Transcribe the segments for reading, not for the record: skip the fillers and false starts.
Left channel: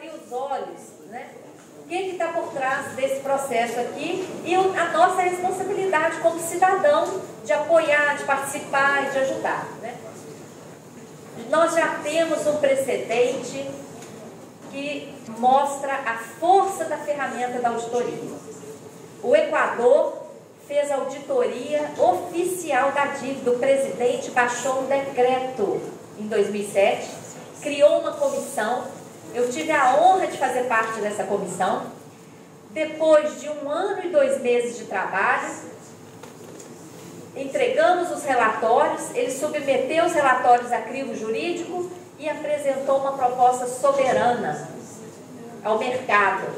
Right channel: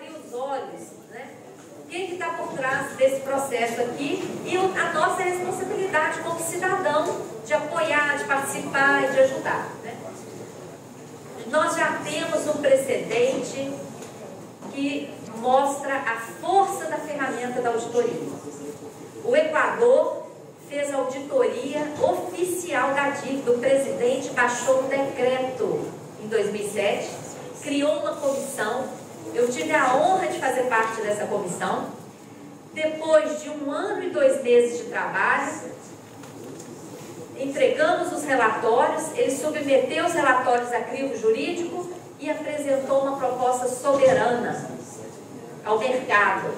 abrir os olhos, né? O que está por trás desse processo aqui e a nossa responsabilidade como cidadão de apoiar, de participar, de ajudar, né? Nós já temos um precedente que mostra a força da ferramenta da auditoria. O Equador fez a auditoria oficial da dívida. O presidente baixou um decreto em 2007, criou uma comissão. Eu tive a honra de fazer parte dessa comissão. Depois de 1 ano e 2 meses de trabalho, entregamos os relatórios, ele submeteu os relatórios a crivo jurídico e apresentou uma proposta soberana ao mercado,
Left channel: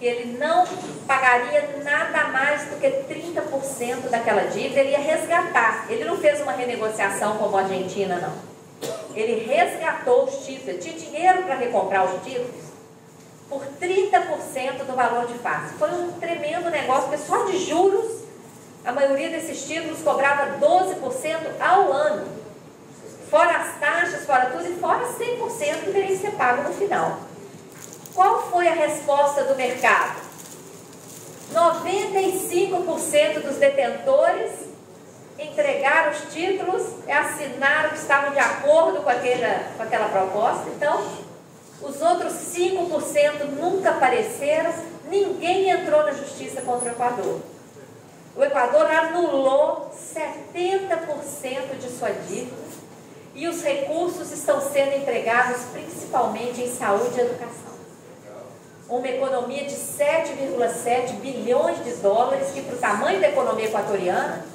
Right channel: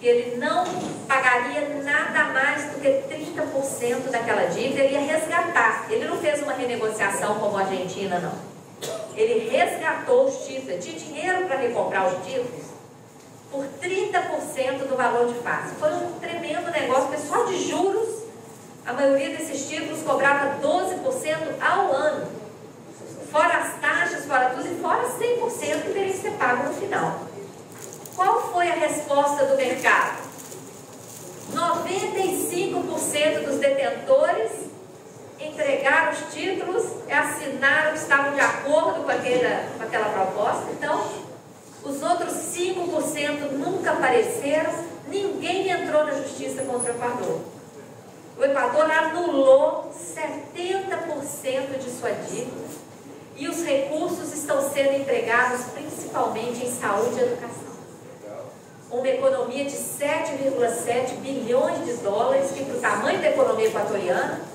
que ele não pagaria nada mais do que 30% daquela dívida, ele ia resgatar. Ele não fez uma renegociação como a Argentina, não. Ele resgatou os títulos, ele tinha dinheiro para recomprar os títulos por 30% do valor de face. Foi um tremendo negócio, porque só de juros, a maioria desses títulos cobrava 12% ao ano. Fora as taxas, fora tudo, e fora 100% que deveria ser pago no final. Qual foi a resposta do mercado? 95% dos detentores entregaram os títulos, assinaram, estavam de acordo com aquela proposta. Então, os outros 5% nunca apareceram, ninguém entrou na justiça contra o Equador. O Equador anulou 70% de sua dívida e os recursos estão sendo empregados principalmente em saúde e educação. Uma economia de 7,7 bilhões de dólares, que para o tamanho da economia equatoriana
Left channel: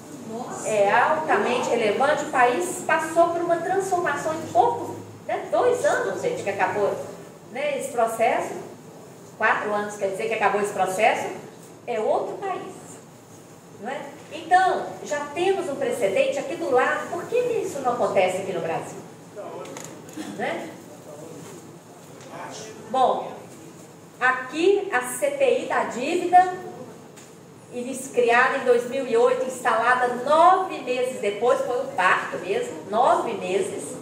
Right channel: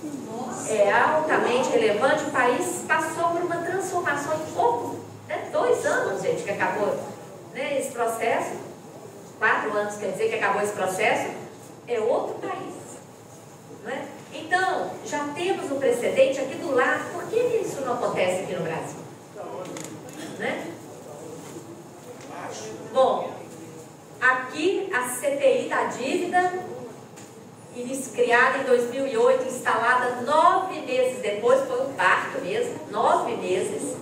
é altamente relevante. O país passou por uma transformação em pouco, né? 2 anos, gente, que acabou, né, esse processo. 4 anos, quer dizer que acabou esse processo. É outro país, não é? Então, já temos um precedente aqui do lado. Por que isso não acontece aqui no Brasil? Né? Bom, aqui a CPI da dívida, criada em 2008, instalada 9 meses depois, foi um parto mesmo, 9 meses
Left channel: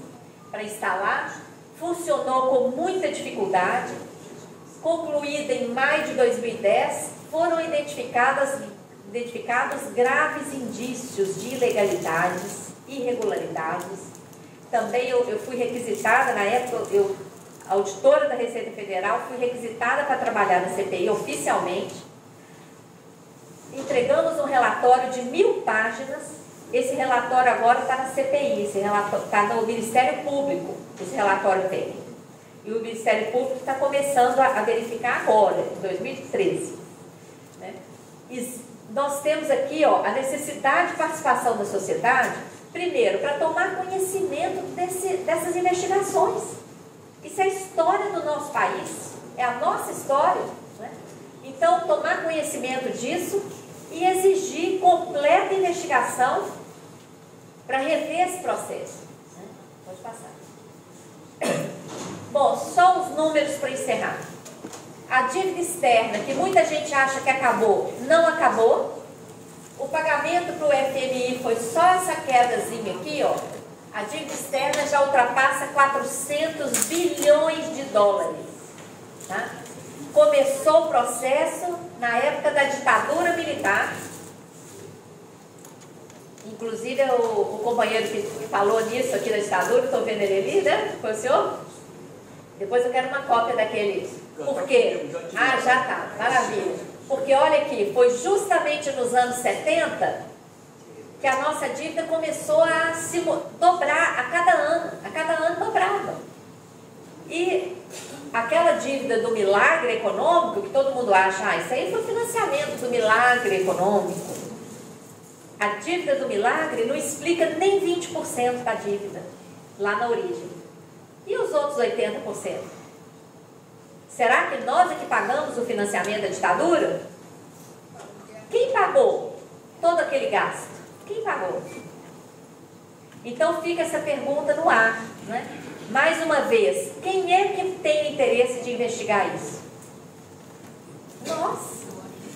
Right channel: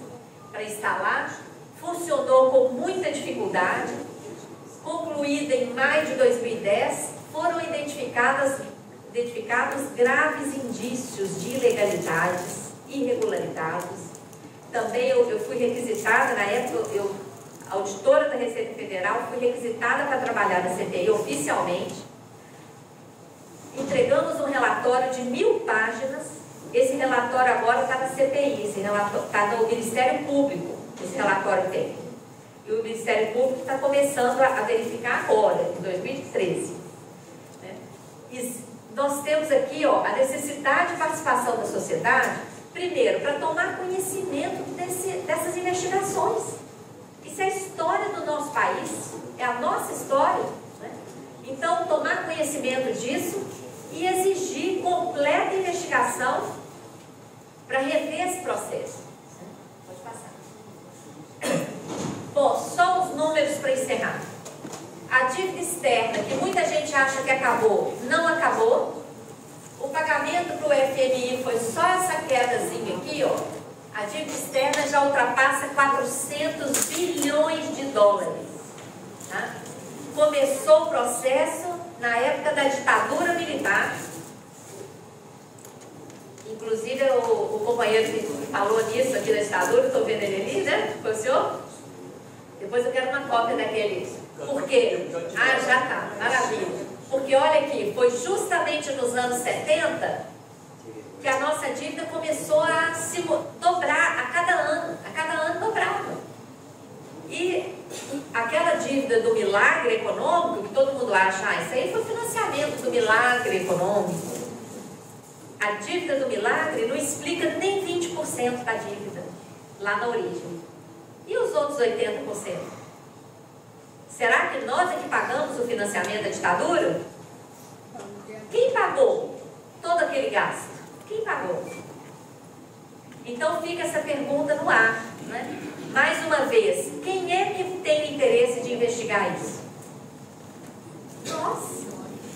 para instalar, funcionou com muita dificuldade, concluída em maio de 2010, foram identificados graves indícios de ilegalidades, irregularidades. Também eu fui requisitada, na época, auditora da Receita Federal, fui requisitada para trabalhar na CPI oficialmente. Entregamos um relatório de 1000 páginas. Esse relatório agora está na CPI, esse relatório está no Ministério Público, esse relatório tem. E o Ministério Público está começando a verificar agora, em 2013. Né? E nós temos aqui, ó, a necessidade de participação da sociedade, primeiro, para tomar conhecimento dessas investigações. Isso é a história do nosso país, é a nossa história, né? Então, tomar conhecimento disso e exigir completa investigação para rever esse processo. Pode passar. Bom, só os números para encerrar. A dívida externa, que muita gente acha que acabou, não acabou. O pagamento para o FMI foi só essa quedazinha aqui, ó. A dívida externa já ultrapassa 400 bilhões de dólares. Tá? Começou o processo na época da ditadura militar. Inclusive o companheiro que falou nisso aqui na ditadura, estou vendo ele ali, né? Foi o senhor? Depois eu quero uma cópia daquele. Por quê? Ah, já tá, maravilha. Porque olha aqui, foi justamente nos anos 70 que a nossa dívida começou a se dobrar a cada ano dobrava. E aquela dívida do milagre econômico, que todo mundo acha, isso aí foi financiamento do milagre econômico. A dívida do milagre não explica nem 20% da dívida, lá na origem. E os outros 80%? Será que nós é que pagamos o financiamento da ditadura? Quem pagou todo aquele gasto? Quem pagou? Então fica essa pergunta no ar, né? Mais uma vez, quem é que tem interesse de investigar isso?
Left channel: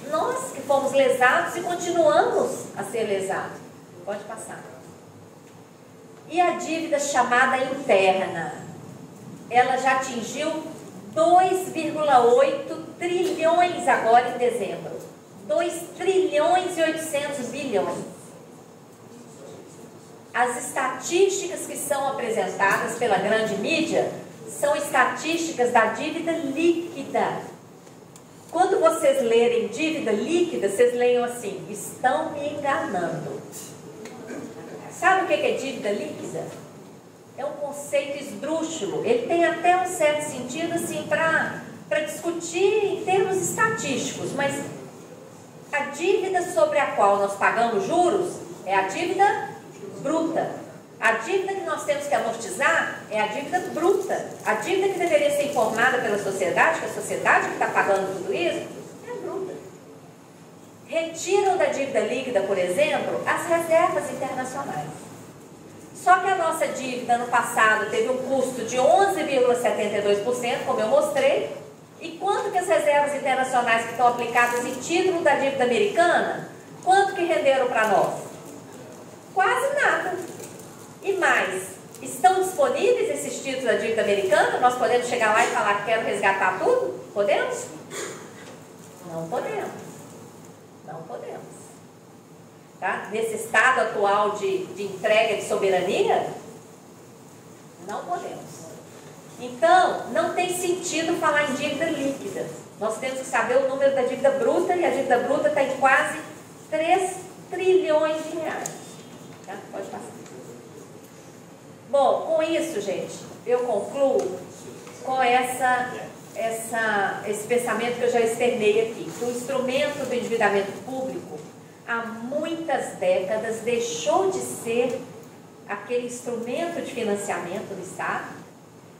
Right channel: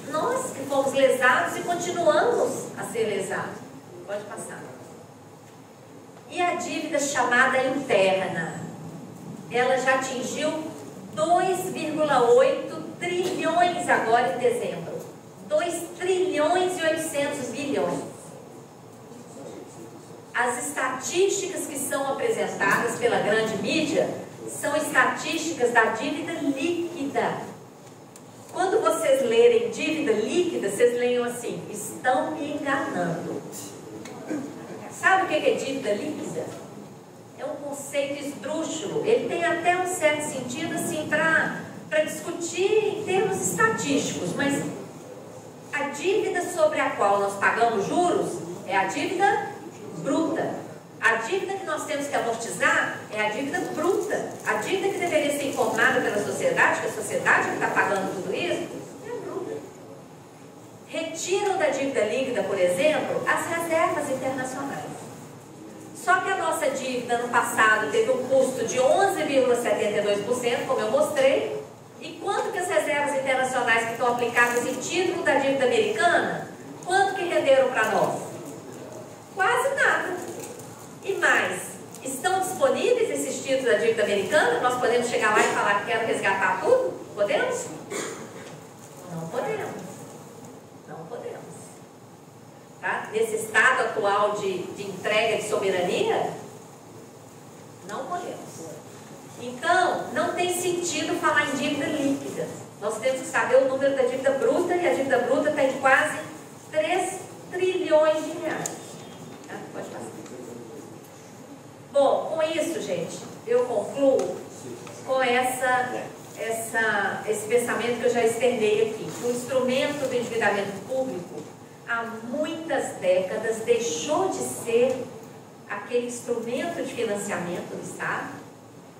Nós que fomos lesados e continuamos a ser lesados. Pode passar. E a dívida chamada interna? Ela já atingiu 2,8 trilhões agora em dezembro. 2 trilhões e 800 bilhões. As estatísticas que são apresentadas pela grande mídia são estatísticas da dívida líquida. Quando vocês lerem dívida líquida, vocês leiam assim: estão me enganando. Sabe o que é dívida líquida? É um conceito esdrúxulo. Ele tem até um certo sentido assim para discutir em termos estatísticos, mas a dívida sobre a qual nós pagamos juros é a dívida bruta. A dívida que nós temos que amortizar é a dívida bruta. A dívida que deveria ser informada pela sociedade, que a sociedade que está pagando tudo isso, é bruta. Retiram da dívida líquida, por exemplo, as reservas internacionais. Só que a nossa dívida no passado teve um custo de 11,72%, como eu mostrei. E quanto que as reservas internacionais que estão aplicadas em título da dívida americana, quanto que renderam para nós? Quase nada. E mais, estão disponíveis esses títulos da dívida americana? Nós podemos chegar lá e falar que quero resgatar tudo? Podemos? Não podemos. Não podemos. Tá? Nesse estado atual de entrega de soberania, não podemos. Então, não tem sentido falar em dívida líquida. Nós temos que saber o número da dívida bruta, e a dívida bruta está em quase 3 trilhões de reais. Tá? Pode passar. Bom, com isso, gente, eu concluo com esse pensamento que eu já externei aqui, que o instrumento do endividamento público, há muitas décadas, deixou de ser aquele instrumento de financiamento do Estado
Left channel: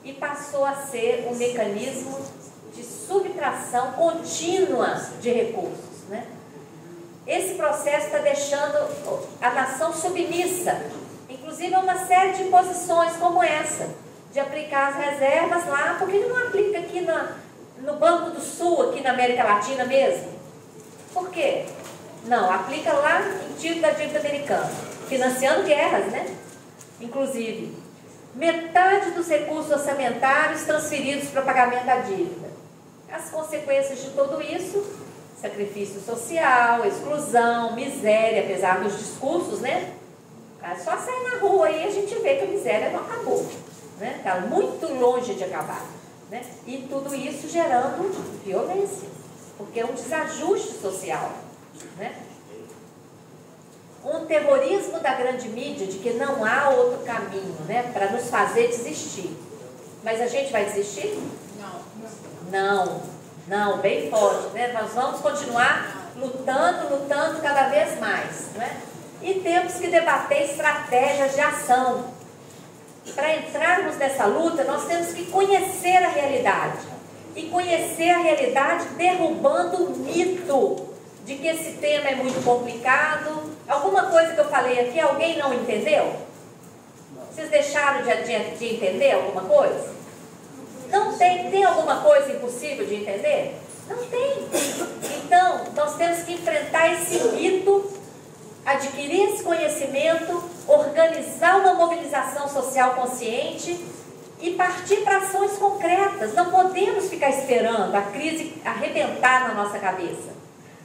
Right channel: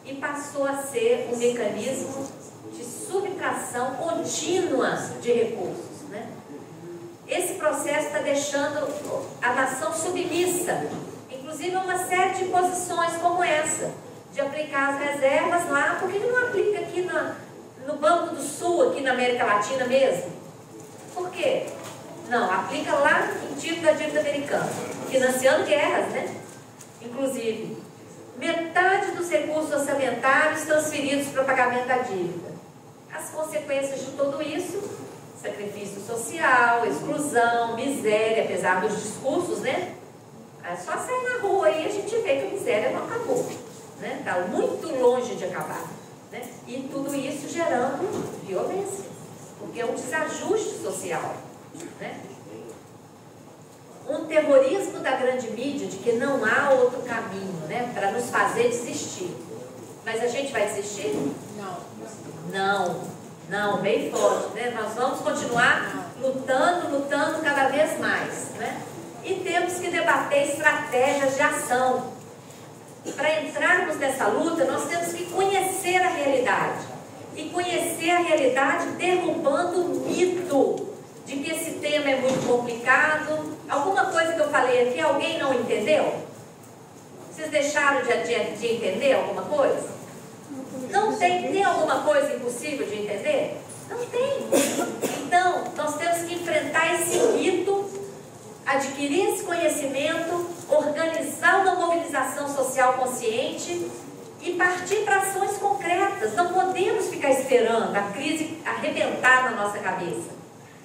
e passou a ser um mecanismo de subtração contínua de recursos, né? Esse processo está deixando a nação submissa, inclusive a uma série de posições como essa, de aplicar as reservas lá. Por que não aplica aqui no Banco do Sul, aqui na América Latina mesmo? Por quê? Não, aplica lá em título da dívida americana, financiando guerras, né? Inclusive, metade dos recursos orçamentários transferidos para pagamento da dívida. As consequências de tudo isso: sacrifício social, exclusão, miséria, apesar dos discursos, né? É só sair na rua e a gente vê que a miséria não acabou, né? Está muito longe de acabar, né? E tudo isso gerando violência, porque é um desajuste social, né? Um terrorismo da grande mídia de que não há outro caminho, né, para nos fazer desistir. Mas a gente vai desistir? Não, bem forte, né? Nós vamos continuar lutando cada vez mais, né? E temos que debater estratégias de ação. Para entrarmos nessa luta, nós temos que conhecer a realidade. E conhecer a realidade derrubando o mito de que esse tema é muito complicado. Alguma coisa que eu falei aqui, alguém não entendeu? Vocês deixaram de entender alguma coisa? Não tem? Tem alguma coisa impossível de entender? Não tem. Então, nós temos que enfrentar esse mito, adquirir esse conhecimento, organizar uma mobilização social consciente e partir para ações concretas. Não podemos ficar esperando a crise arrebentar na nossa cabeça.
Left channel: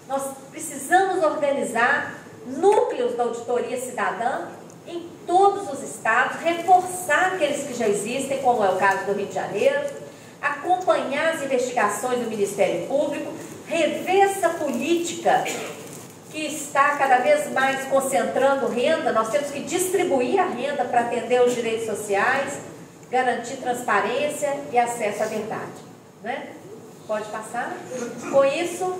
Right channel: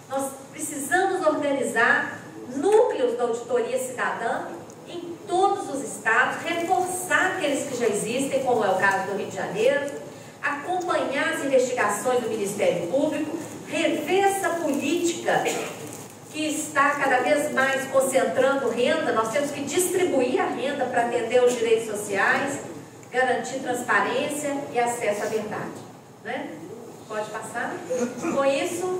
Nós precisamos organizar núcleos da auditoria cidadã em todos os estados, reforçar aqueles que já existem, como é o caso do Rio de Janeiro, acompanhar as investigações do Ministério Público, rever essa política que está cada vez mais concentrando renda. Nós temos que distribuir a renda para atender os direitos sociais, garantir transparência e acesso à verdade, né? Pode passar? Com isso,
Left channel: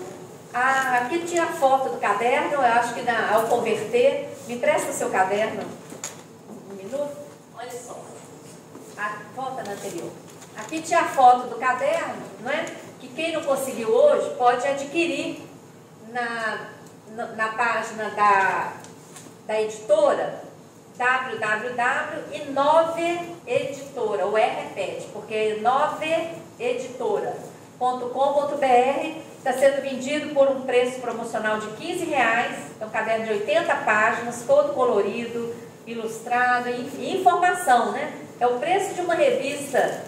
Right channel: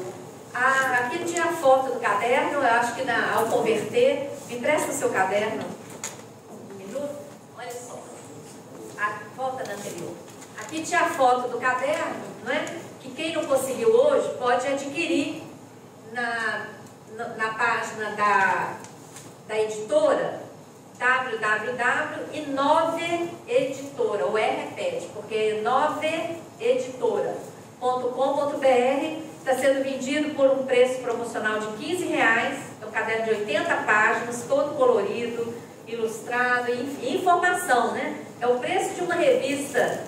aqui tinha a foto do caderno. Eu acho que ao converter, me empresta o seu caderno um minuto. Olha só, a foto na anterior. Aqui tinha a foto do caderno, não é? Que quem não conseguiu hoje pode adquirir na página da editora www.inove-editora, o R repete, porque é inove-editora.com.br. Está sendo vendido por um preço promocional de R$15. É um caderno de 80 páginas, todo colorido, ilustrado, enfim, informação, né? É o preço de uma revista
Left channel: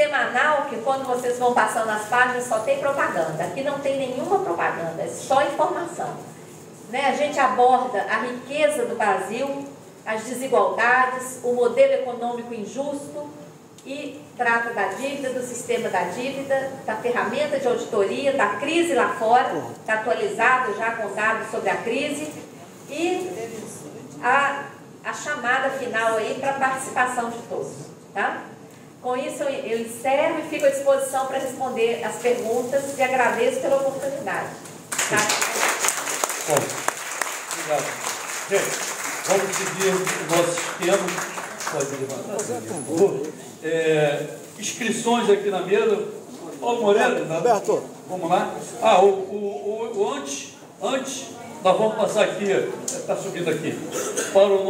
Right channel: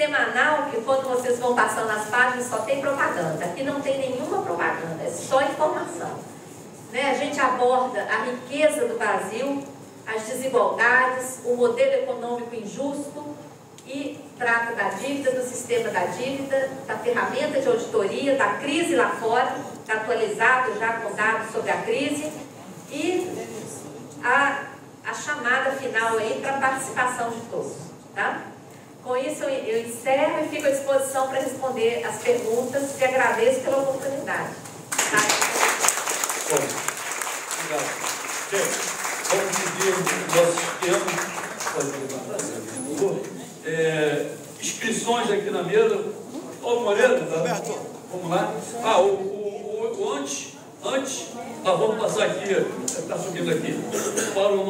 semanal, que quando vocês vão passando as páginas só tem propaganda. Aqui não tem nenhuma propaganda, é só informação. Né? A gente aborda a riqueza do Brasil, as desigualdades, o modelo econômico injusto e trata da dívida, do sistema da dívida, da ferramenta de auditoria, da crise lá fora, está atualizado já com dados sobre a crise e a chamada final aí para a participação de todos. Tá? Com isso eu encerro e fico à disposição para responder as perguntas e agradeço pela oportunidade. Tá? Bom, obrigado. Gente, vamos seguir o nosso esquema. Inscrições aqui na mesa. Ó, Moreira, tá? Roberto. Vamos lá. Antes, nós vamos passar aqui, está subindo aqui, para o